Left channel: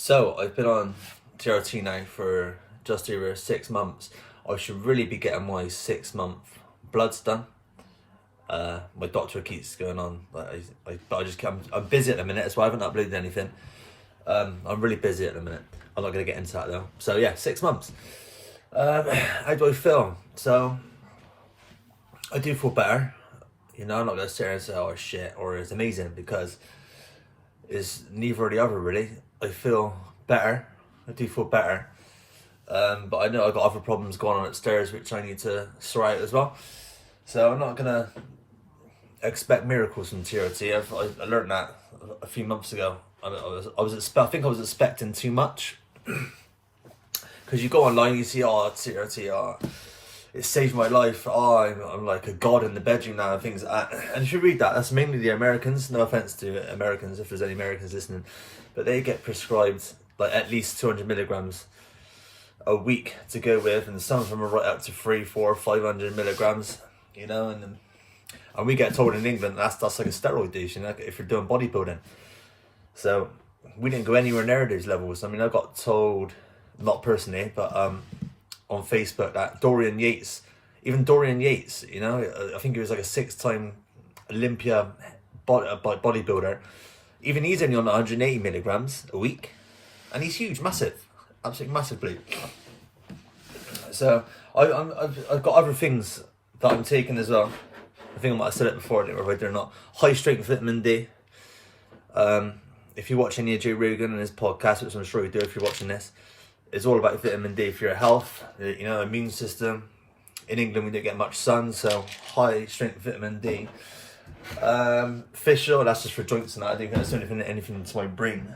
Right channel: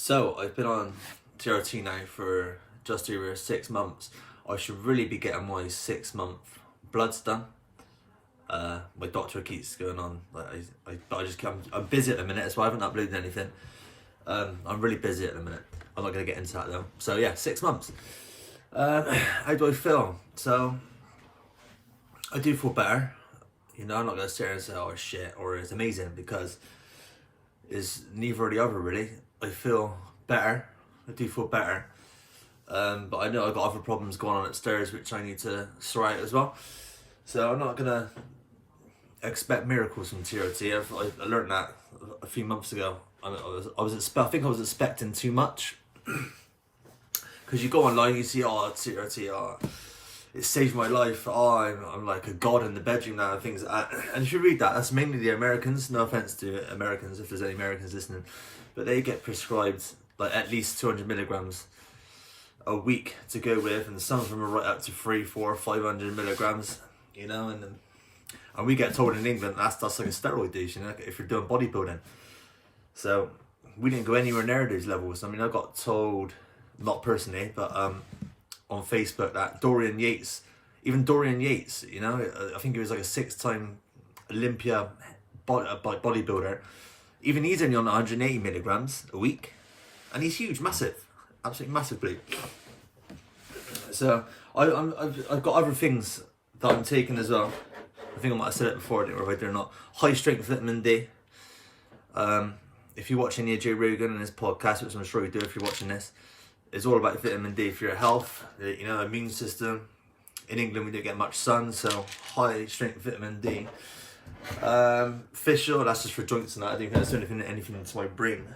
So I've been on TRT now for just over 6 months. I should really be getting my 6-month bloods done. My doctor keeps going on. I'm busy at the minute, so I haven't uploaded anything. I'm really busy at the minute. I'm not going to get into that though. So yeah, 6 months. How do I feel? So I do feel better. You know, I'm not going to sit here and say, oh shit, or it's amazing, because it's neither or the other really. I feel better. I do feel better. But I know I've got other problems going on upstairs which I need to sort out as well. So I'm not gonna expect miracles from TRT. I learned that a few months ago. I think I was expecting too much. Because you go online, you see, oh, TRT, oh, it saved my life. Oh, I'm like a god in the bedroom now, and things like that. And if you read that, that's mainly the Americans. No offense to Americans, if there's any Americans listening, but they get prescribed like at least 200 milligrams a week to go with, and some of them are right up to 300, 400, 500 milligrams. You know, and we get told in England that's like a steroid dose, you know, if you're doing bodybuilding. So we didn't go anywhere near those levels. I mean, I got told, not personally, but on Facebook, that Dorian Yates, you know, I think he was like a 6-time Olympia bodybuilder. Even he's only on 180 milligrams a week, and he's huge, massive, absolutely massive bloke. So I've got other things that I'm taking as well. I think I might have said it before, I don't know if I did or not. High strength vitamin D. If you watch any of Joe Rogan and his podcast, which I'm sure you do if you're watching this, it's all about vitamin D for your health, you know, immune system. In England, we don't get much sun, so high strength vitamin D. Fish oil, that's just for joints and that. I don't think that's anything to my brain.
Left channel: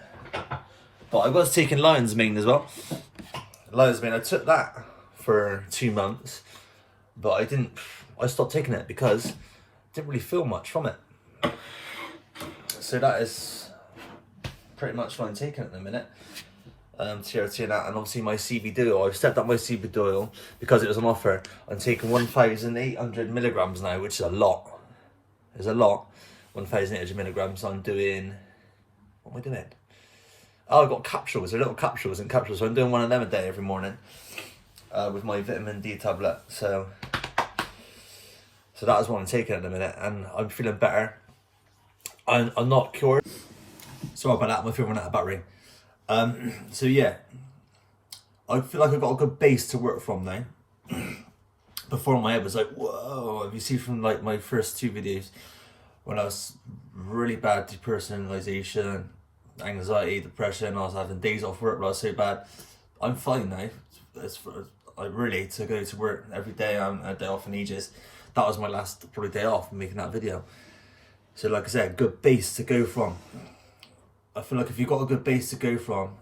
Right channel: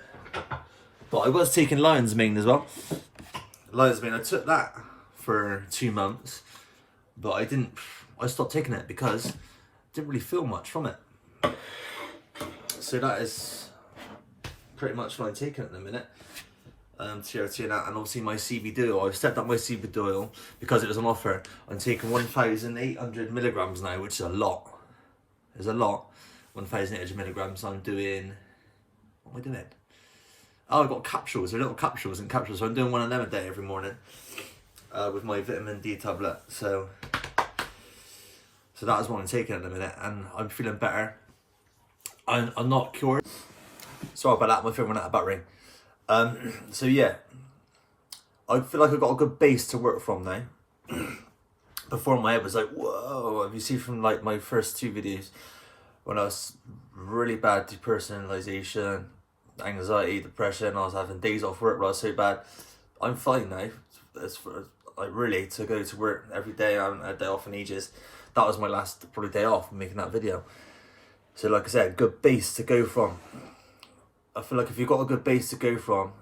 But I was taking lion's mane as well. Lion's mane, I took that for 2 months, but I stopped taking it because I didn't really feel much from it. So that is pretty much what I'm taking at the minute. TRT and that, and obviously my CBD oil. I've stepped up my CBD oil because it was on offer. I'm taking 1,800 milligrams now, which is a lot. It's a lot. 1,800 milligrams. I'm doing, what am I doing? Oh, I've got capsules. They're little capsules and capsules. So I'm doing one of them a day every morning with my vitamin D tablet. So that is what I'm taking at the minute, and I'm feeling better. I'm not cured. Sorry about that. My phone ran out of battery. So yeah, I feel like I've got a good base to work from now. Before, my head was like, whoa. Have you seen from like my first 2 videos when I was really bad depersonalization, anxiety, depression, I was having days off work but I was so bad. I'm fine now. I really, to go to work every day, I'm a day off in ages. That was my last probably day off making that video. So like I said, good base to go from. I feel like if you've got a good base to go from,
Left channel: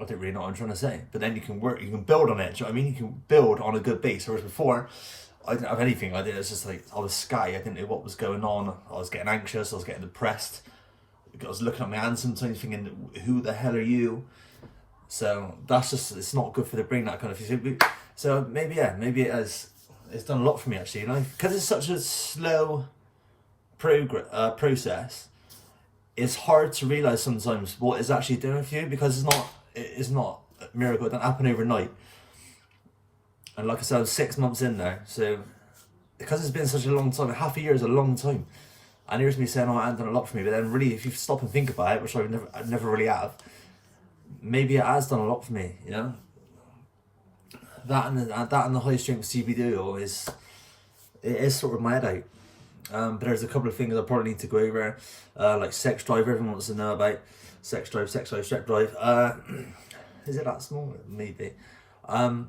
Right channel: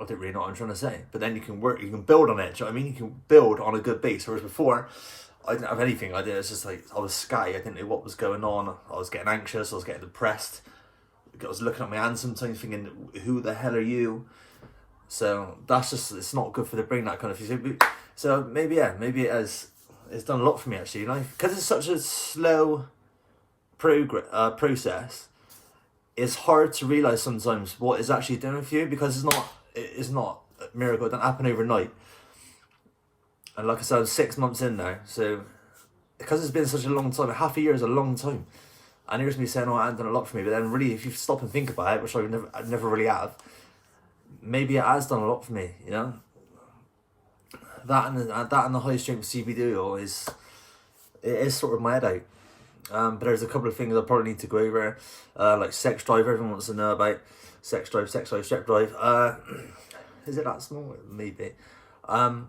I don't really know what I'm trying to say, but then you can build on it. Do you know what I mean? You can build on a good base. Whereas before, I didn't have anything. It was just like, I was scatty. I didn't know what was going on. I was getting anxious. I was getting depressed. I was looking at my hands sometimes thinking, who the hell are you? So that's just, it's not good for the brain, that kind of thing. So maybe it's done a lot for me actually, you know, because it's such a slow process. It's hard to realise sometimes what it's actually doing for you, because it's not a miracle. It doesn't happen overnight. And like I said, I'm 6 months in now, so because it's been such a long time, half a year is a long time. And here's me saying, oh, it hasn't done a lot for me, but then really, if you stop and think about it, which I never really have, maybe it has done a lot for me, you know. That and the high strength CBD oil is sort of my head out. But there's a couple of things I probably need to go over, like sex drive. Everyone wants to know about sex drive. Is it that small? Maybe. Yeah,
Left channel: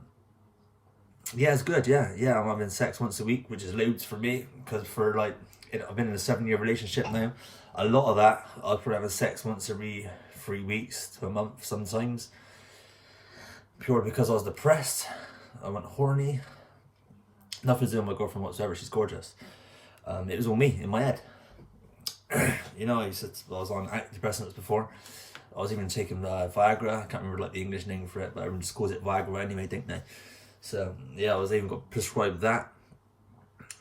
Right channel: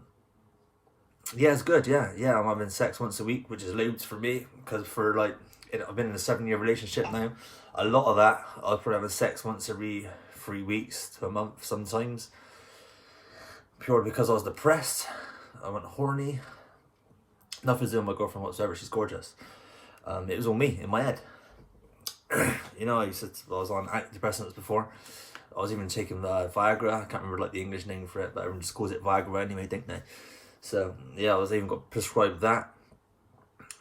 it's good. Yeah, I'm having sex once a week, which is loads for me, because I've been in a 7-year relationship now. A lot of that, I'll probably have sex once every 3 weeks to a month sometimes. Purely because I was depressed. I went horny. Nothing's doing with my girlfriend whatsoever. She's gorgeous. It was all me in my head. You know, I was on antidepressants before. I was even taking Viagra. I can't remember like the English name for it, but everyone just calls it Viagra anyway, don't they? So yeah, I was even got prescribed that.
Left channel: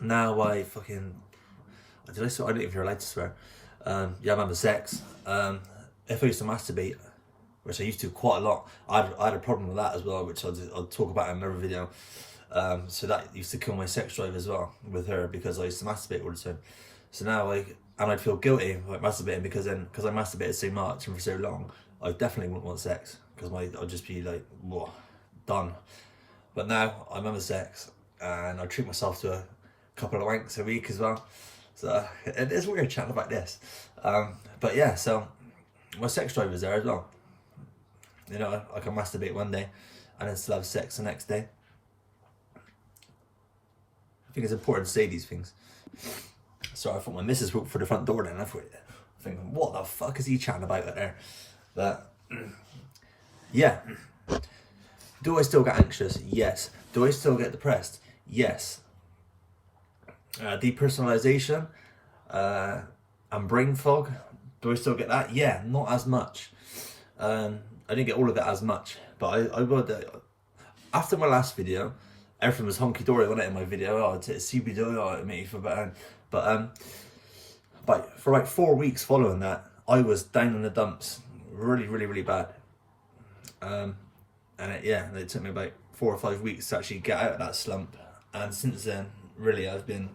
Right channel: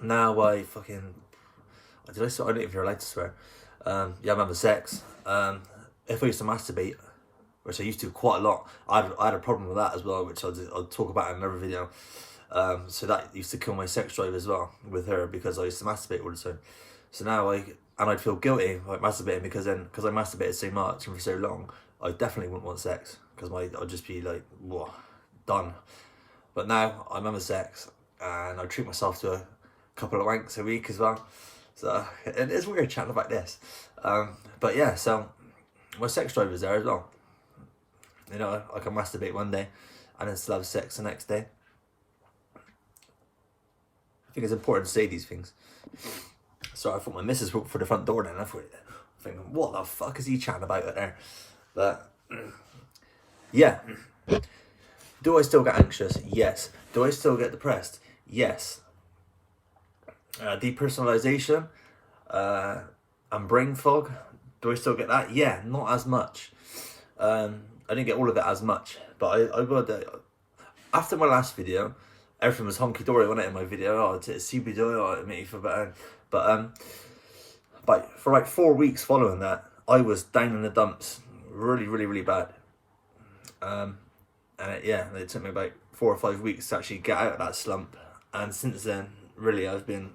Now I don't even know if you're allowed to swear. Yeah, I'm having sex. if I used to masturbate, which I used to quite a lot, I had a problem with that as well, which I'll talk about in another video. So that used to kill my sex drive as well with her, because I used to masturbate all the time. So now I'd feel guilty like masturbating, because I masturbated so much and for so long, I definitely wouldn't want sex, because I'd just be like, whoa, done. But now I'm having sex and I treat myself to a couple of wanks a week as well. So it is weird chatting about this. But yeah, so my sex drive is there as well. You know, I can masturbate one day and then still have sex the next day. I think it's important to say these things. So I thought my missus walked for the front door then. I thought, thinking, what the fuck is he chatting about out there? But yeah. Do I still get anxious? Yes. Do I still get depressed? Yes. Depersonalization and brain fog. Do I still get that? Yeah, not as much. I didn't get all of it as much, but I would. After my last video, everything was honky dory, wasn't it? In my video, oh, it's CBD, oh, it made me feel better. But for like 4 weeks following that, I was down in the dumps, really bad. And it took me about 4 or 5 weeks to actually get out of that slump. And since then, really, I've been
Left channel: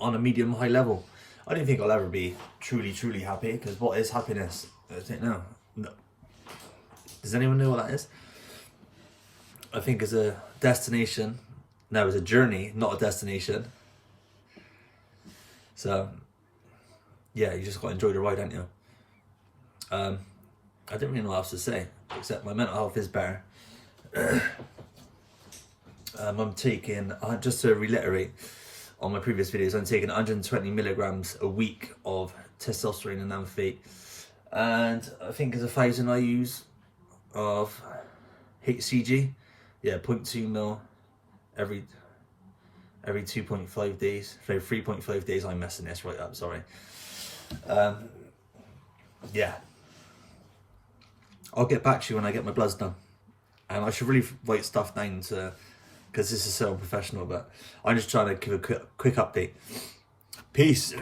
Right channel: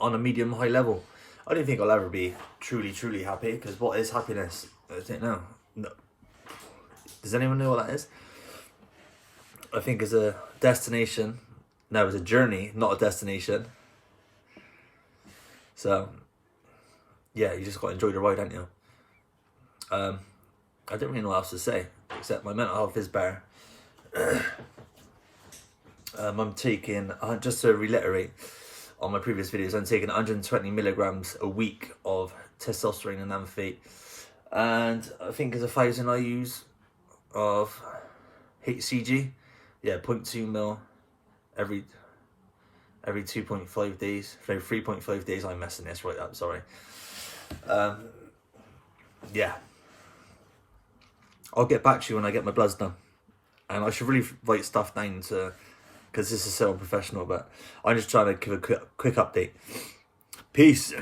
on a medium high level. I don't think I'll ever be truly happy, because what is happiness? I don't know. No. Does anyone know what that is? I think it's a destination. No, it's a journey, not a destination. So, yeah, you just got to enjoy the ride, don't you? I don't really know what else to say, except my mental health is better. I'm taking, just to reiterate on my previous videos, I'm taking 120 milligrams a week of testosterone and anaphate, and I think there's 1,000 IUs of HCG, 0.2 mil every 2.5 days, so 3.5 days. I'm messing this right up, sorry. Yeah, I'll get back to you when I get my bloods done, and I should really write stuff down because this is so unprofessional, but I'm just trying to give a quick update. Peace.